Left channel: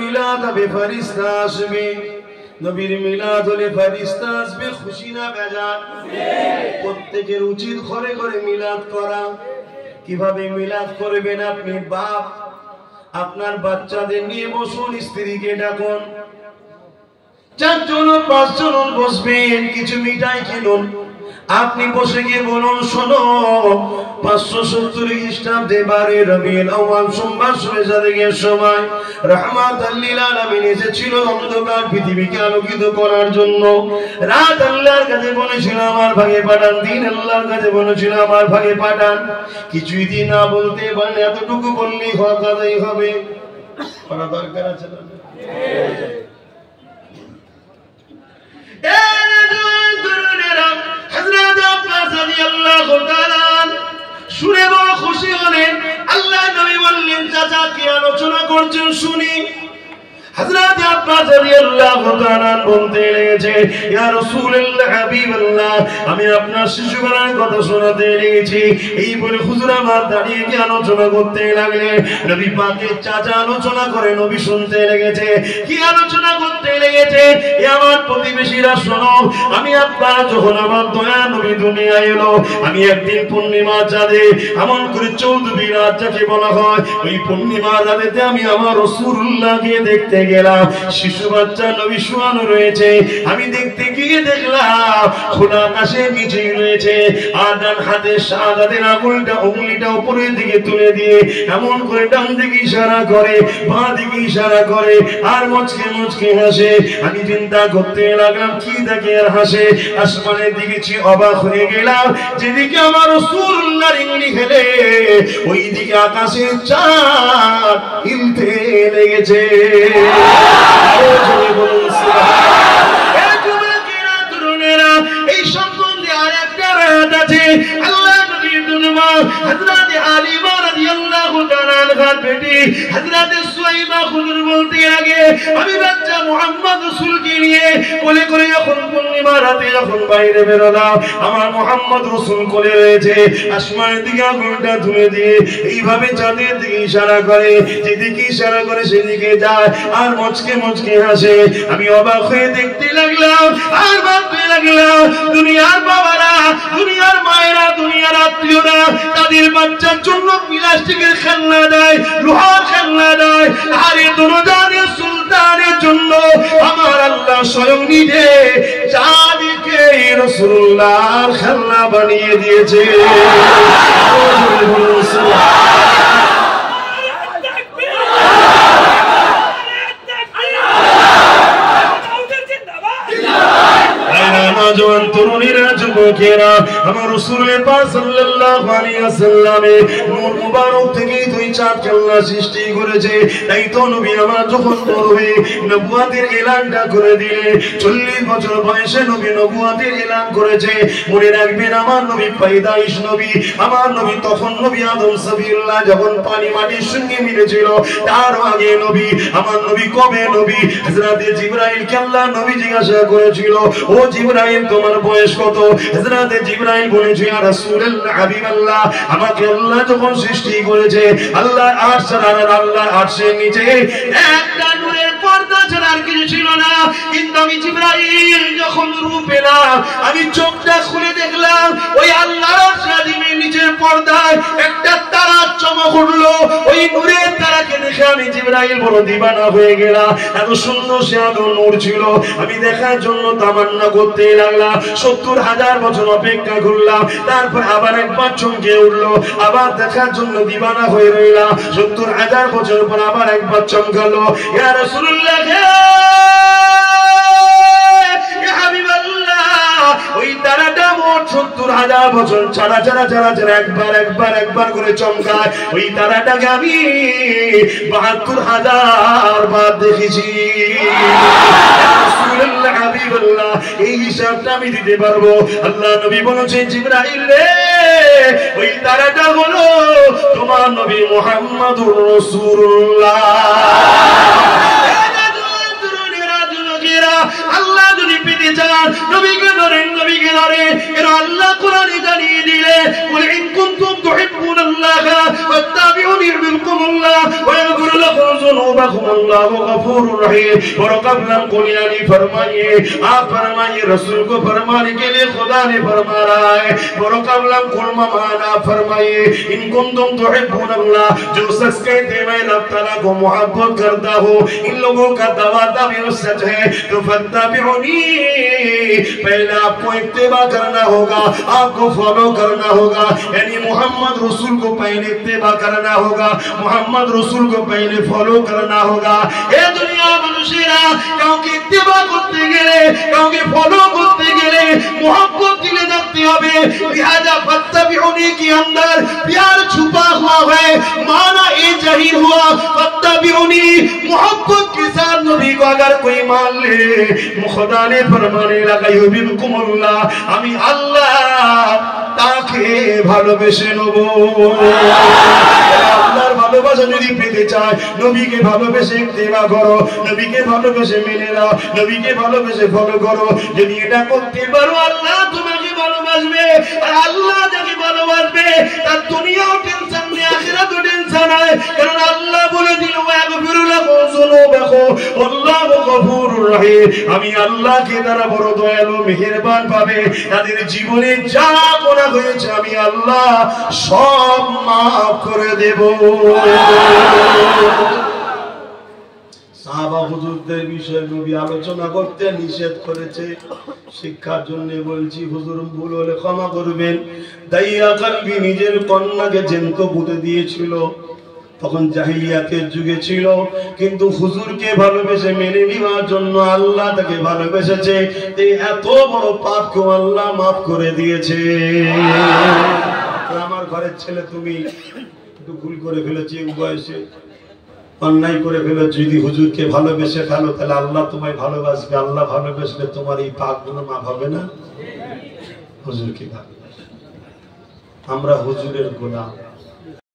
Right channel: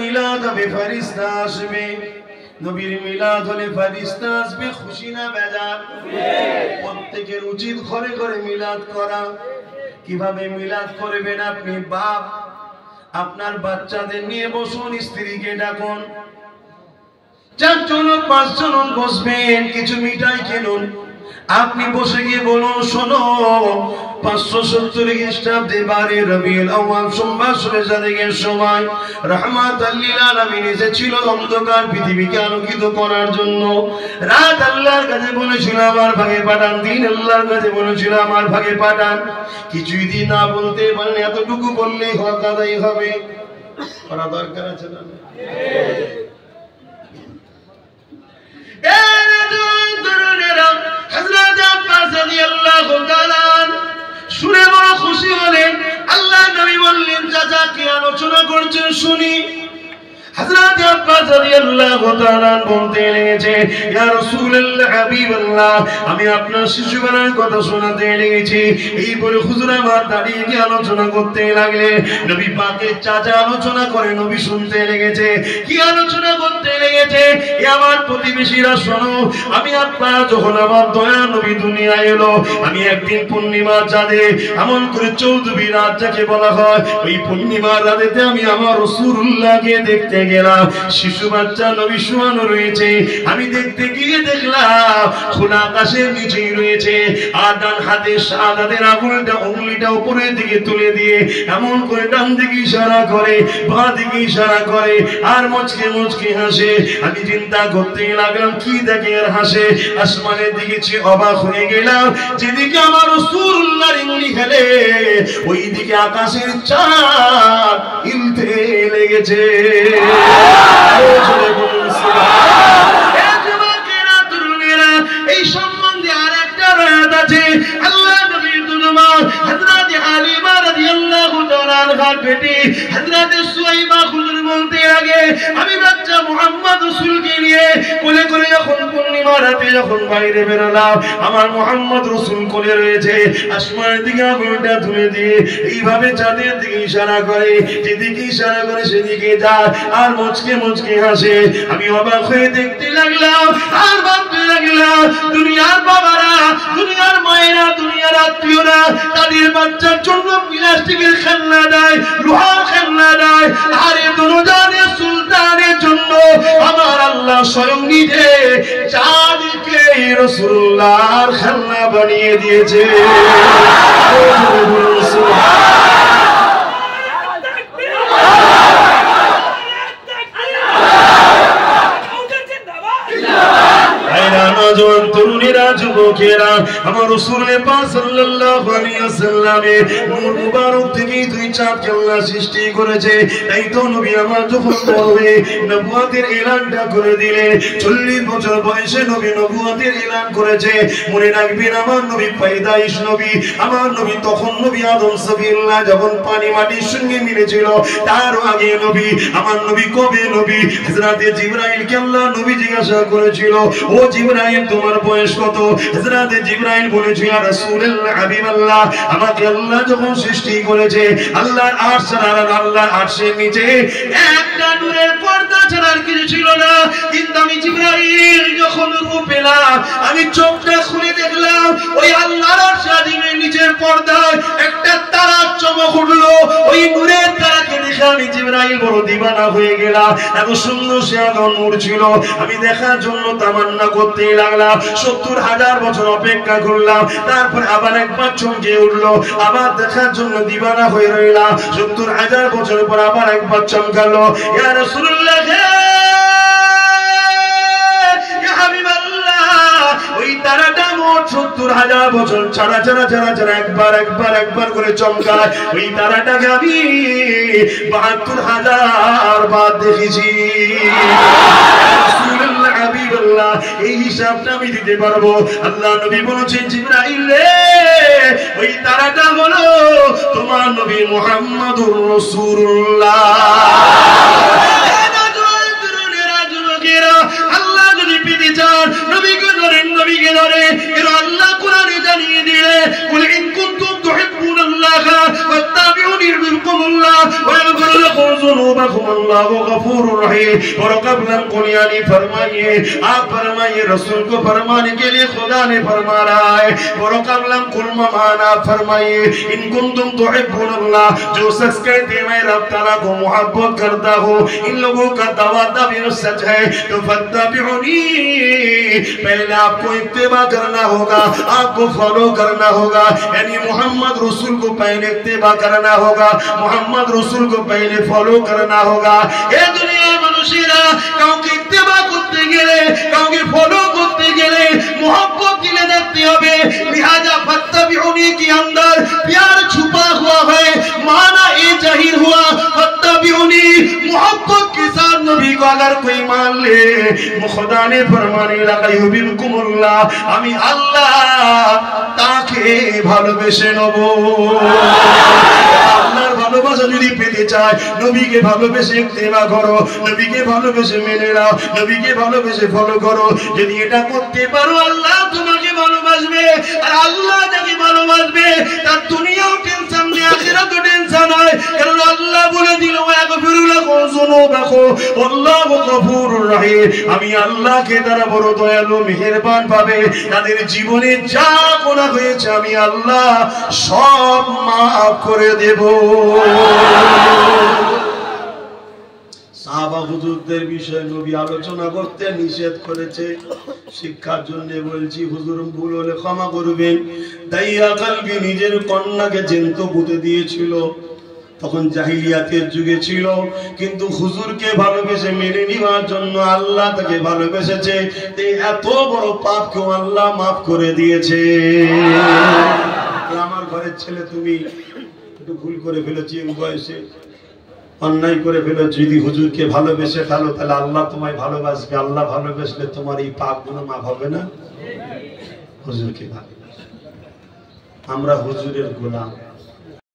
মিলাদ হবে ফেরেশতা আসবে নবীর মিলাদ হলে ফেরেশতা আসবে খুশি না বেজার প্রত্যেকের উচিত ঘরে ঘরে মিলাদ করা কিভাবে মিলাদ করবেন আপনি বাপ আপনার বাচ্চাদের নিয়ে বসুন স্ত্রীকে ডাকুন 4 জন 5 জন বসবেন কিছু মিঠাই কিনুন আপনি বসে গিয়ে বলুন শোনো 570 খ্রিস্টাব্দে 12 রবিউল আউয়াল সোমবার সূর্যোদয়ের সময় রাহমাতাল লিল আলামিন এসেছিল অন্ধকার পৃথিবীকে আলোকিত করার জন্য রাত আল্লাহর কাছে বলেছিল আমার ভাগে পাঠান দিন আল্লাহর কাছে বলেছিল আমার ভাগে পাঠান কিছুই দিন না বলতে পারেন এতটুকু বললেই হকাদাই হবে করা দরকার আছে না শুনে বড় খুশি হলেন আল্লাহ নবী বললেন চাচা কি আলোচনা করছেন শুনি হযরত আব্বাস রাদিয়াল্লাহু তাআলা বলতে লেগেছে ইয়া রাসূলুল্লাহ হাবিবাল্লাহ আমি আপনার শিশুবেলার কথা শোনাতে লেগেছি এই বলে হুজুর আমার দাঁড়িয়ে গিয়ে আলোচনা করতে লাগলেন নবী পাকের চাচা আলোচনা করে নবী শুনতে লেগেছে কি আলোচনা করতে লেগেছে এ আমার প্রতিবেশীরা শোনো আমি আব্বাস যখন আমার দয়া নবী দুনিয়ায় এলো আমি একদিন পূর্ণিমা চাঁদে এমন করে 14 রাত যাকে বলা হয় ওই পূর্ণিমা রাতে আমি আমার রাসূলুল্লাহকে দেখতে গেলাম শিশু বাচ্চা নবী শোয়ানো রয়েছে আমি দেখতে গিয়ে দেখলাম খোলা আকাশের নিচেই রয়েছে আর ডান হাতে শাহাদাতের আঙুলটা উপরের দিকে তুলে দিয়ে এমন করে ডান দিকে ইশারা করে বাঁ দিকে ইশারা করে আর মুচকে মুচকে হাসে আমি চিন্তা করতে লাগলাম কি দেখে আর হাসে আসমানের দিকে চেয়ে অবাক হয়ে গেলাম যেদিকে আমার রাসূলুল্লাহর ইংলি খেলে ওই দিকে আকাশের চাঁদ হিলতে লেগেছে এই সম্বন্ধে আরেকটা রাত আছে আল্লাহ নবীর দুলমা হযরত আলিমা রাদিয়াল্লাহু তাআলা আনহার বেটি হযরত সুয়াইবা হুজুর বলতে আগে আমি বাচ্চা মুহাম্মদ রাসূলকে নিয়ে কোলে করে যখন পূর্ণিমা রাতে যখন বাইরে বেরোলাম আমার মুহাম্মদ রাসূল কোলে রয়েছে আসমানের দিকে আঙুলটা তুলে দিয়ে এইভাবে চাঁদের দিকে ইশারা করে যেদিকে ইশারা করে সেদিকে যায় আর মুচকে মুচকে হাসে আমি অবাক হয়ে দেখতে লাগলাম আর ভাবতে লাগলাম দুনিয়ার বাবারা দুনিয়ার মায়েরা দুনিয়ার আত্মীয়রা তাদের বাচ্চার জন্য প্লাস্টিকের খেলনা দেয় লোহার খেলনা দেয় আর এ দুনিয়ার সুলতানের জন্য আমার আল্লাহ স্বয়ং নিজে চাঁদকে রাসূলুল্লাহর খেলনা বানিয়ে দিয়েছে নওজোয়ান তরুণেরা যুবকেরা আমার রাসূল পাক সাল্লাল্লাহু আলাইহি ওয়াসাল্লামে নূর মুবারক থেকে দুই চাঁদকে আল্লাহ সৃষ্টি করেছে তাই তো নবী আমার যখন বড় হয়ে নবুয়তের এলানটা করে দিলে 40 বছর বয়সে নবী নবুয়তের এলান করেছে মনে রাখবেন আমার নবী পয়দাইশ নবী আমার নবী তখন নবী আদম সফিউল্লাহ যখন পানি মাটির সঙ্গে মিলেছিল তার আগে নবী আমার নবী কবে নবী হযরত জিবরাইলকে আল্লাহ নবী জিজ্ঞাসা করেছিল ও জিবরাইল তোমার বয়স কত হযরত জিবরাইল বলেছে ইয়া রাসূলুল্লাহ হাবিবাল্লাহ আমাকে আল্লাহ যখন সৃষ্টি করেছে আল্লাহ আরশ আর আল্লাহ আরশের নিচে একটা নূরের পর্দা ছাড়া আর কিছু ছিল না কিন্তু আমি জিবরাইল যখন রূপ পেলাম আমি চোখটা খুলে দেখলাম ওই আল্লাহর আরশ আজিমের নিচের পর্দায় একটা তারা চমক উঠলো ওই নূরের তারাকে দেখে আমি জিবরাইল বড় দিবানা হয়ে গেলাম এত সুন্দর সে আলো নূর ছিল আমি দেখার জন্য তামান্না করতে লাগলাম 70,000 বছর অপেক্ষা করলাম তারপর আবার একবার চমকে উঠলো আবার দেখার জন্য দিবানা হয়ে রইলাম 70,000 বছর পর আবার একবার চমকালো ইয়া রাসূলুল্লাহ ইয়া হাবিবাল্লাহ ওই তারাটা মোট 70,000 বছর ছাড়া একবার করে চমকায় ওই তারাটাকে আমি 72,000 বার দেখেছি রাসূলুল্লাহ হাবিবাল্লাহ এই হিসাবটা আমি দিতে পারবো আল্লাহ নবী বলেছেন জিবরাইল রে ওই তারাটা হলো তোমার নবী মুহাম্মদুর রাসূলুল্লাহ আল্লাহ যদি পেতে চান নবীকে ধরেন এর আল্লাহ কোরআনে জানিয়ে দিলে কুল ইন কুনতুম তুহিব্বুনাল্লাহ ফাত্তাবিউনি ইউহিব্বুকুমুল্লাহ ওয়া ইয়াগফির लकुम ज़ुनूबकुम अल्लाहु गफूरुर रहीम। और क़ब्लन कुल यानी फरमाइए, आप फरमाइए, रसूल को फरमाने के लिए खुदा ने फरमा रहा है। और क़ब्लन कुल ममाना फरमाइए, इन कुंतुम तुहिब्बुनल्लाह, जो शख्स कहते हैं मैं रब तआला को मोहब्बत करता हूँ, इन लोगों का दावा सच है, तो फत्तबिउनी, पहले आपको इत्तिबा करना होगा, आपको फॉलो करना होगा, यानी मोहम्मद रसूल को पहले इत्तिबा करना होगा, मोहम्मद रसूल को पहले फॉलो करना होगा। ये दुनिया মানুষেরা কাউকে ইত্তিবা করতে গেলে, কাউকে ফলো করতে গেলে मोहब्बत दिले जाती হবে। लिहाजा फत्तबिउनी के अंदर प्यार छुपा हुआ है, माना ये जाहिर हुआ फत्तबिउनी, मोहब्बत के साथ नबी को अगर कोई मान ले, खुदा ने फरमाने लगा युबिकुमुल्लाह, আমি আল্লাহ তাকে ভালোবেসে নেব। আল্লাহর ভালোবাসা যদি পেতে চায়, নবীকে ভালোবেসে ইত্তেবা করো, নবীকে ভালোবেসে মেনে নাও, নবীকে ভালোবেসে ফলো করো। যদি এটা করতে পারো, আল্লাহ তোমাকে ভালোবাসবে। আর আল্লাহ যাকে ভালোবাসবে তার দুনিয়াও টেনশন নেই, আখিরাতও টেনশন হয়। কারণ আল্লাহ বলে দিল ওয়াগফিরু লাকুম যুনুবাকুম আল্লাহু গফুরুর রহিম, আমি আল্লাহকে তারা বড় দয়ালু মেহেরবান পাবে। তাদের জীবনে যা গুনাহ হয়েছে আমি আল্লাহ সব মাফ করে দেব। সাহাবা হুজুরদের বিষয়ে নবী আলোচনা করতে নিষেধ করেছে, শিক্ষার জন্য বলছি। হুজুর ভুল হলে ক্ষমা করবেন। দাইয়া কলবি নিজের কন্যাকে জ্যান্ত পুঁতে দিয়েছিল, তখন জাহিলিয়াতের যুগে ছিল, কিন্তু হুজুরকে ভালোবেসে মেনে নেওয়ার জন্য আল্লাহ তাকে ভালোবেসেছে। এত বড় পাপকেও আল্লাহ মাফ করে দিয়েছে। আমার ঘরের ছেলে তুমি একটু ভুল করে ফেলেছি, বয়সে অন্যায় করে ফেলো, যদি হুজুরকে ভালোবেসে ফেলো তাহলে আল্লাহ তোমায় ভালোবাসবে। আল্লাহ ভালোবাসলে তোমার এই পাপগুলো মাফ হবে না। হুজুরকে ভালোবাসে, আমরা হুজুরের গোলাম।